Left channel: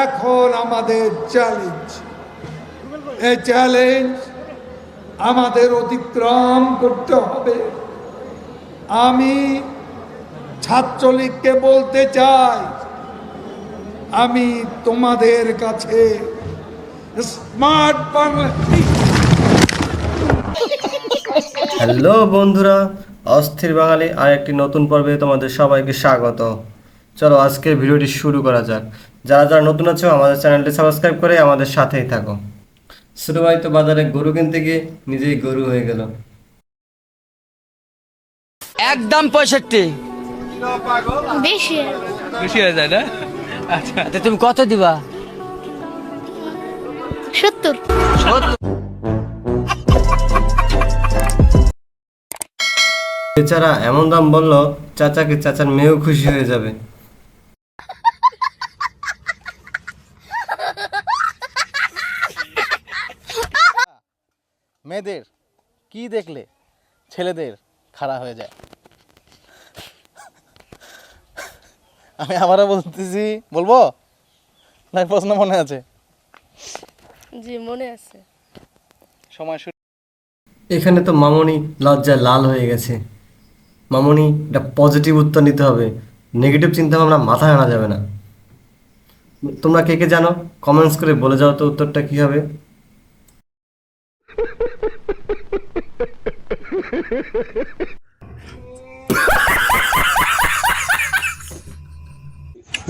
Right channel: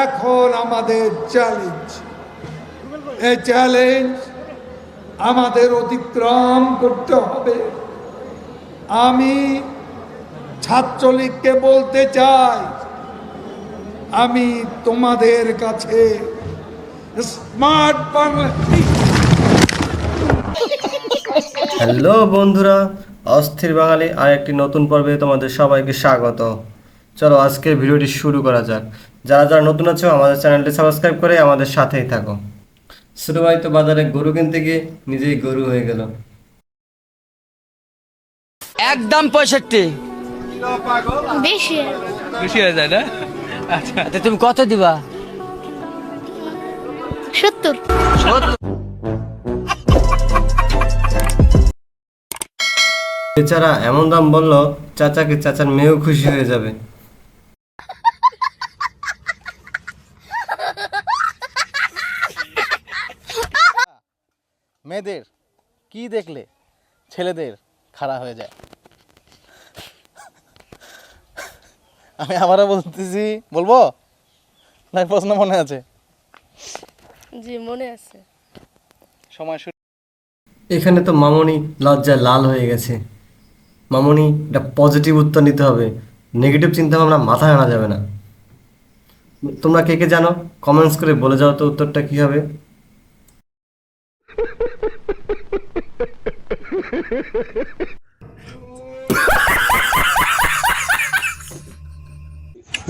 এখন আমাদের চ্যালেঞ্জ, এই চ্যালেঞ্জ আমাদের অতিক্রম করতে হবে। আমি ছাত্রলীগকে বলতে চাই, আমি তোমাদের কাছে স্মার্ট বাংলা একদম 65। বেশি বেশি হয়ে যায় না? আচ্ছা তুমি কত দিবা? 70। মেয়েদের কি দেখলে ছেলেদের খাড়া হয়ে যায়? আমি আবারও বলতেছি, বলবো না প্রশ্ন মনে আছে? জি মনে আছে। সময় শুরু।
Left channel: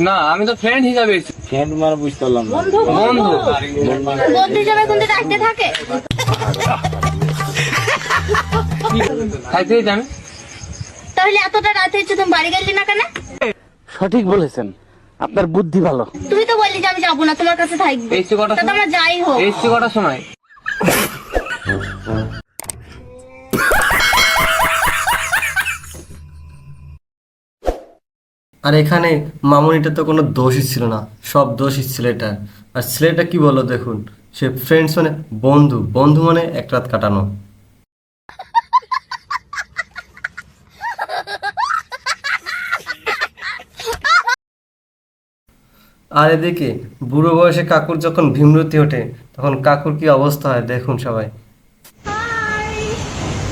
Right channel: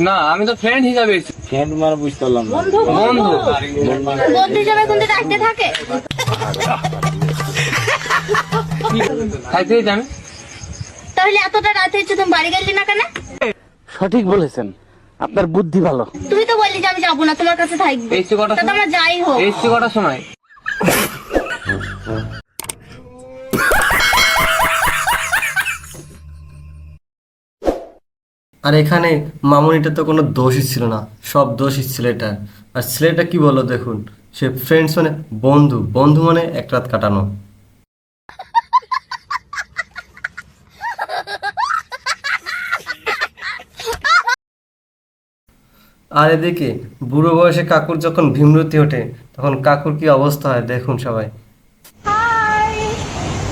না, আমি তো ফ্রেন্ড হিসাবে ফ্রেন্ড মানে বুঝতে পারলাম না। বন্ধু বন্ধু হিসেবে কিন্তু রাখতে থাকে। খাইতে আমি তাহলে এতটা রাতে হচ্ছে তুমি বাড়ি গেলি না কেন? সঠিক বলেছেন, আপনার বুদ্ধি ভালো। তুমি তো বললি যে আমি যাবো না, তোমার কাছে থাকবো। এসছি কটার তা তোমরা যাই হোক। এসছি কটার সময়?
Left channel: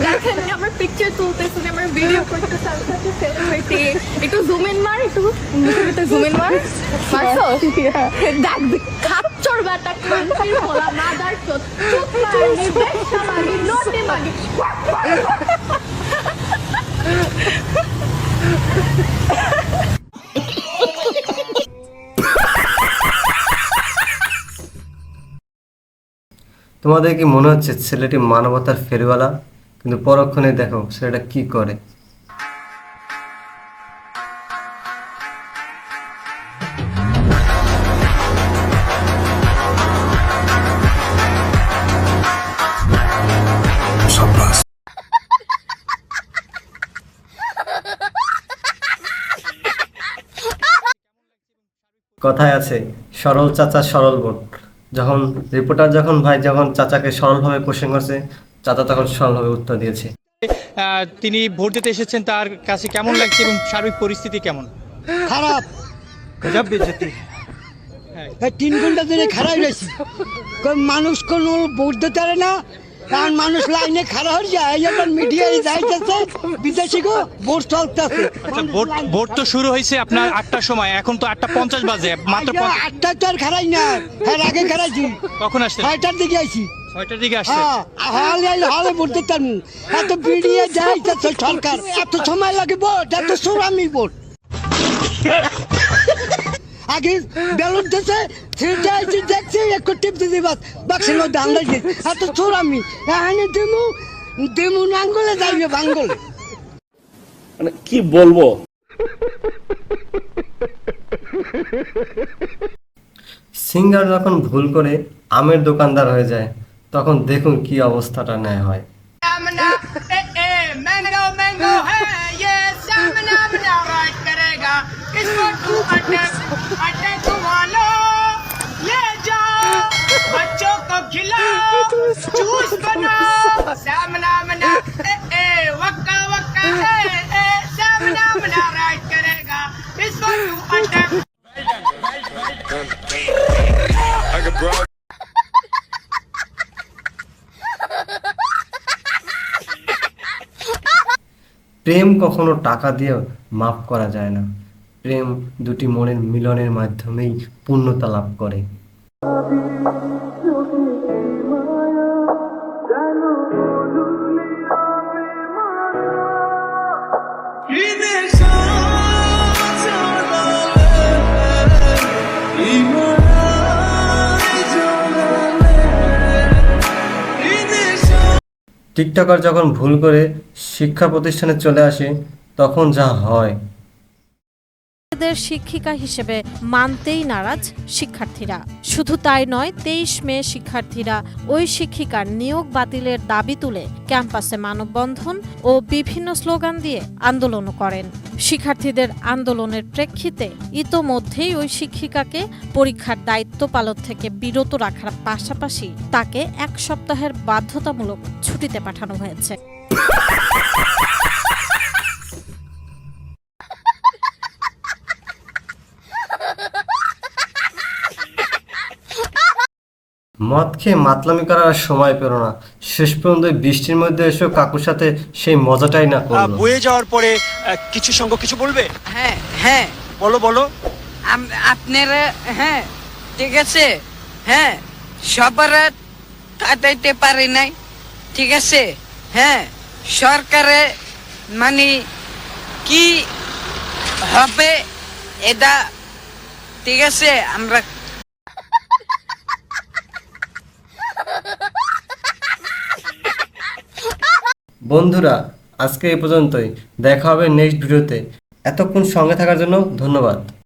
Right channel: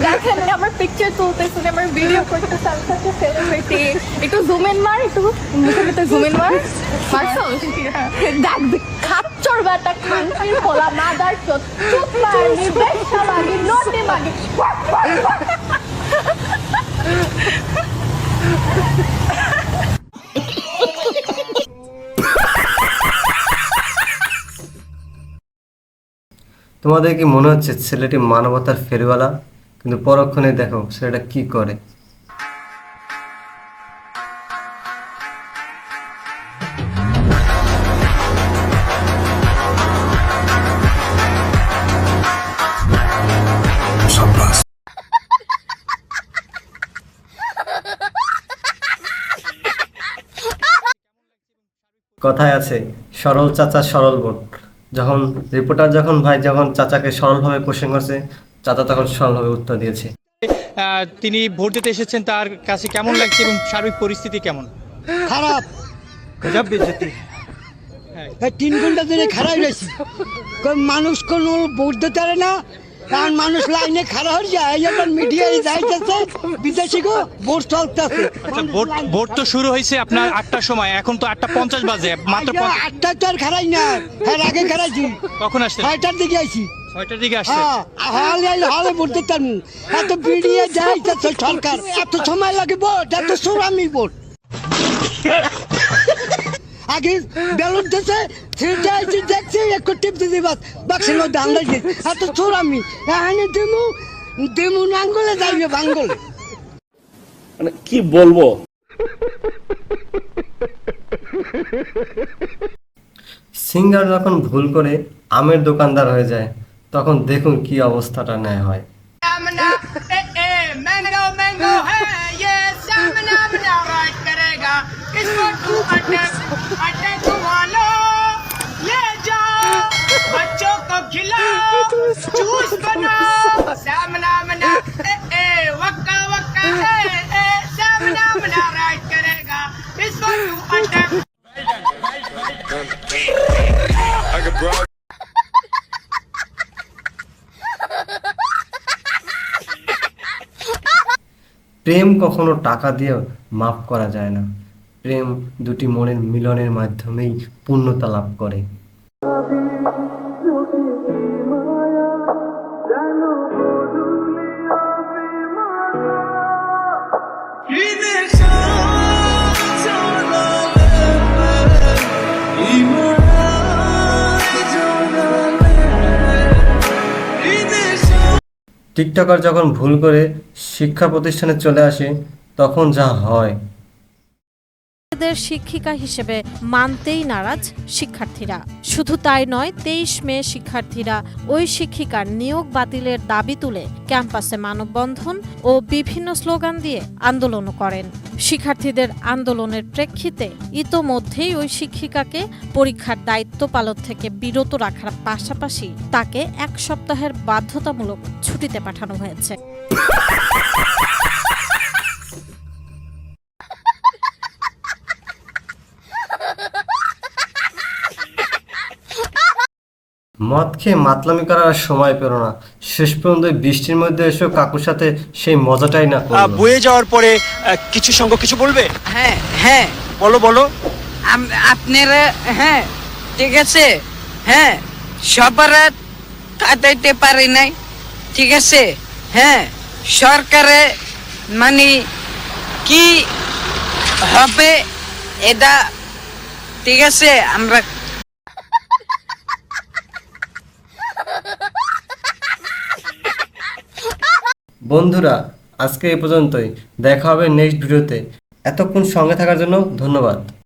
দেখেন আমার পিকচার তুলতেছেন, আমার ভিডিও করতেছে, আমি একটা সেলিব্রিটি। একটু জুম ইন মার, একটু মুখের ভিতরে জুম ইন মার। মারছো? দেখ খাচ্চর বেটা, খানকির পোলা, মাদার চোদ, চুপ মারনি, বেশা মাগি, নটি মাগি। তিনি ভোট দিতে এসেছেন, তার কাছে কেমন লাগছে এবং সার্বিক পরিস্থিতি কেমন? খারাপ, গজব বেজতি। 3 ঘন্টা ধরে খারাপ রয়েছি, মানুষ কোনো ভোট দিতে পারে না, কারণ মানুষ লাইনে খারাপ হয়ে যায়। এখন মিডিয়ায় যাইতেছে বিদেশি গো ভোট চলতেছে। আচ্ছা, ভোট তো শুরু হয়েছে আপনার 8টার সময়, এখন তো 8:50 বাজে, মাত্র 8টা তো আর খারাই না, এর আগে খারাইছি। কখন আসছেন? 6টার দিকে আইছি। 6টার দিকে আসছে। হলে ভোট দিতে পারবো। এত বিডিয়ে যাইতেছে সরকার, এত সময় লাগে ভোট, এত সুরামি ভোট। আগে ব্যালট দিতে দেখছি একটু টিপ দিতে বাক্সের মধ্যে আন্দাজ দিচ্ছে, এত সুরামি। এখানে দেমু আঙ্গুলে যাইবে বাঙ্গলে। মানে কি বলবো? मैंगो मैंगो है ये सामना बना राज करेगा, इसको तू अटैक वालो ले जाओ, बच्चों को खिलाओ, जूस बनाओ, सामना बना वक्का वक्का है सामना बना राज करेगा, इसको तू अटैक শিক্ষিকা হিসেবে মানতেই নারাজ শিক্ষার্থীরা। শুধু তাই নয়, 23 মে শিক্ষার্থীরা ওই শিক্ষিকার নিয়োগ বাতিলের দাবি তুলে ক্যাম্পাসে মানববন্ধন ও বিভিন্ন স্লোগান দিয়ে আন্দোলনও করেন। শিক্ষার্থীদের আন্দোলনের প্রেক্ষিতে ইতোমধ্যেই ওই শিক্ষিকাকে পরীক্ষার দায়িত্ব পালন থেকে বিরত রাখার পাশাপাশি তাকে 1 সপ্তাহের বাধ্যতামূলক ছুটিতে পাঠানো হয়েছে। বয়ে যাওয়ার পরে কিছু সংখ্যক কিছু বলবে? হ্যাঁ হ্যাঁ বলো বলো। আপনারা হ্যাঁ ঠিক আছে, হ্যাঁ সবার কাটাইতে পারি নাই, ঠিক আছে, হ্যাঁ সরকারে মানে কি হবে এটা ঠিক আছে আমরা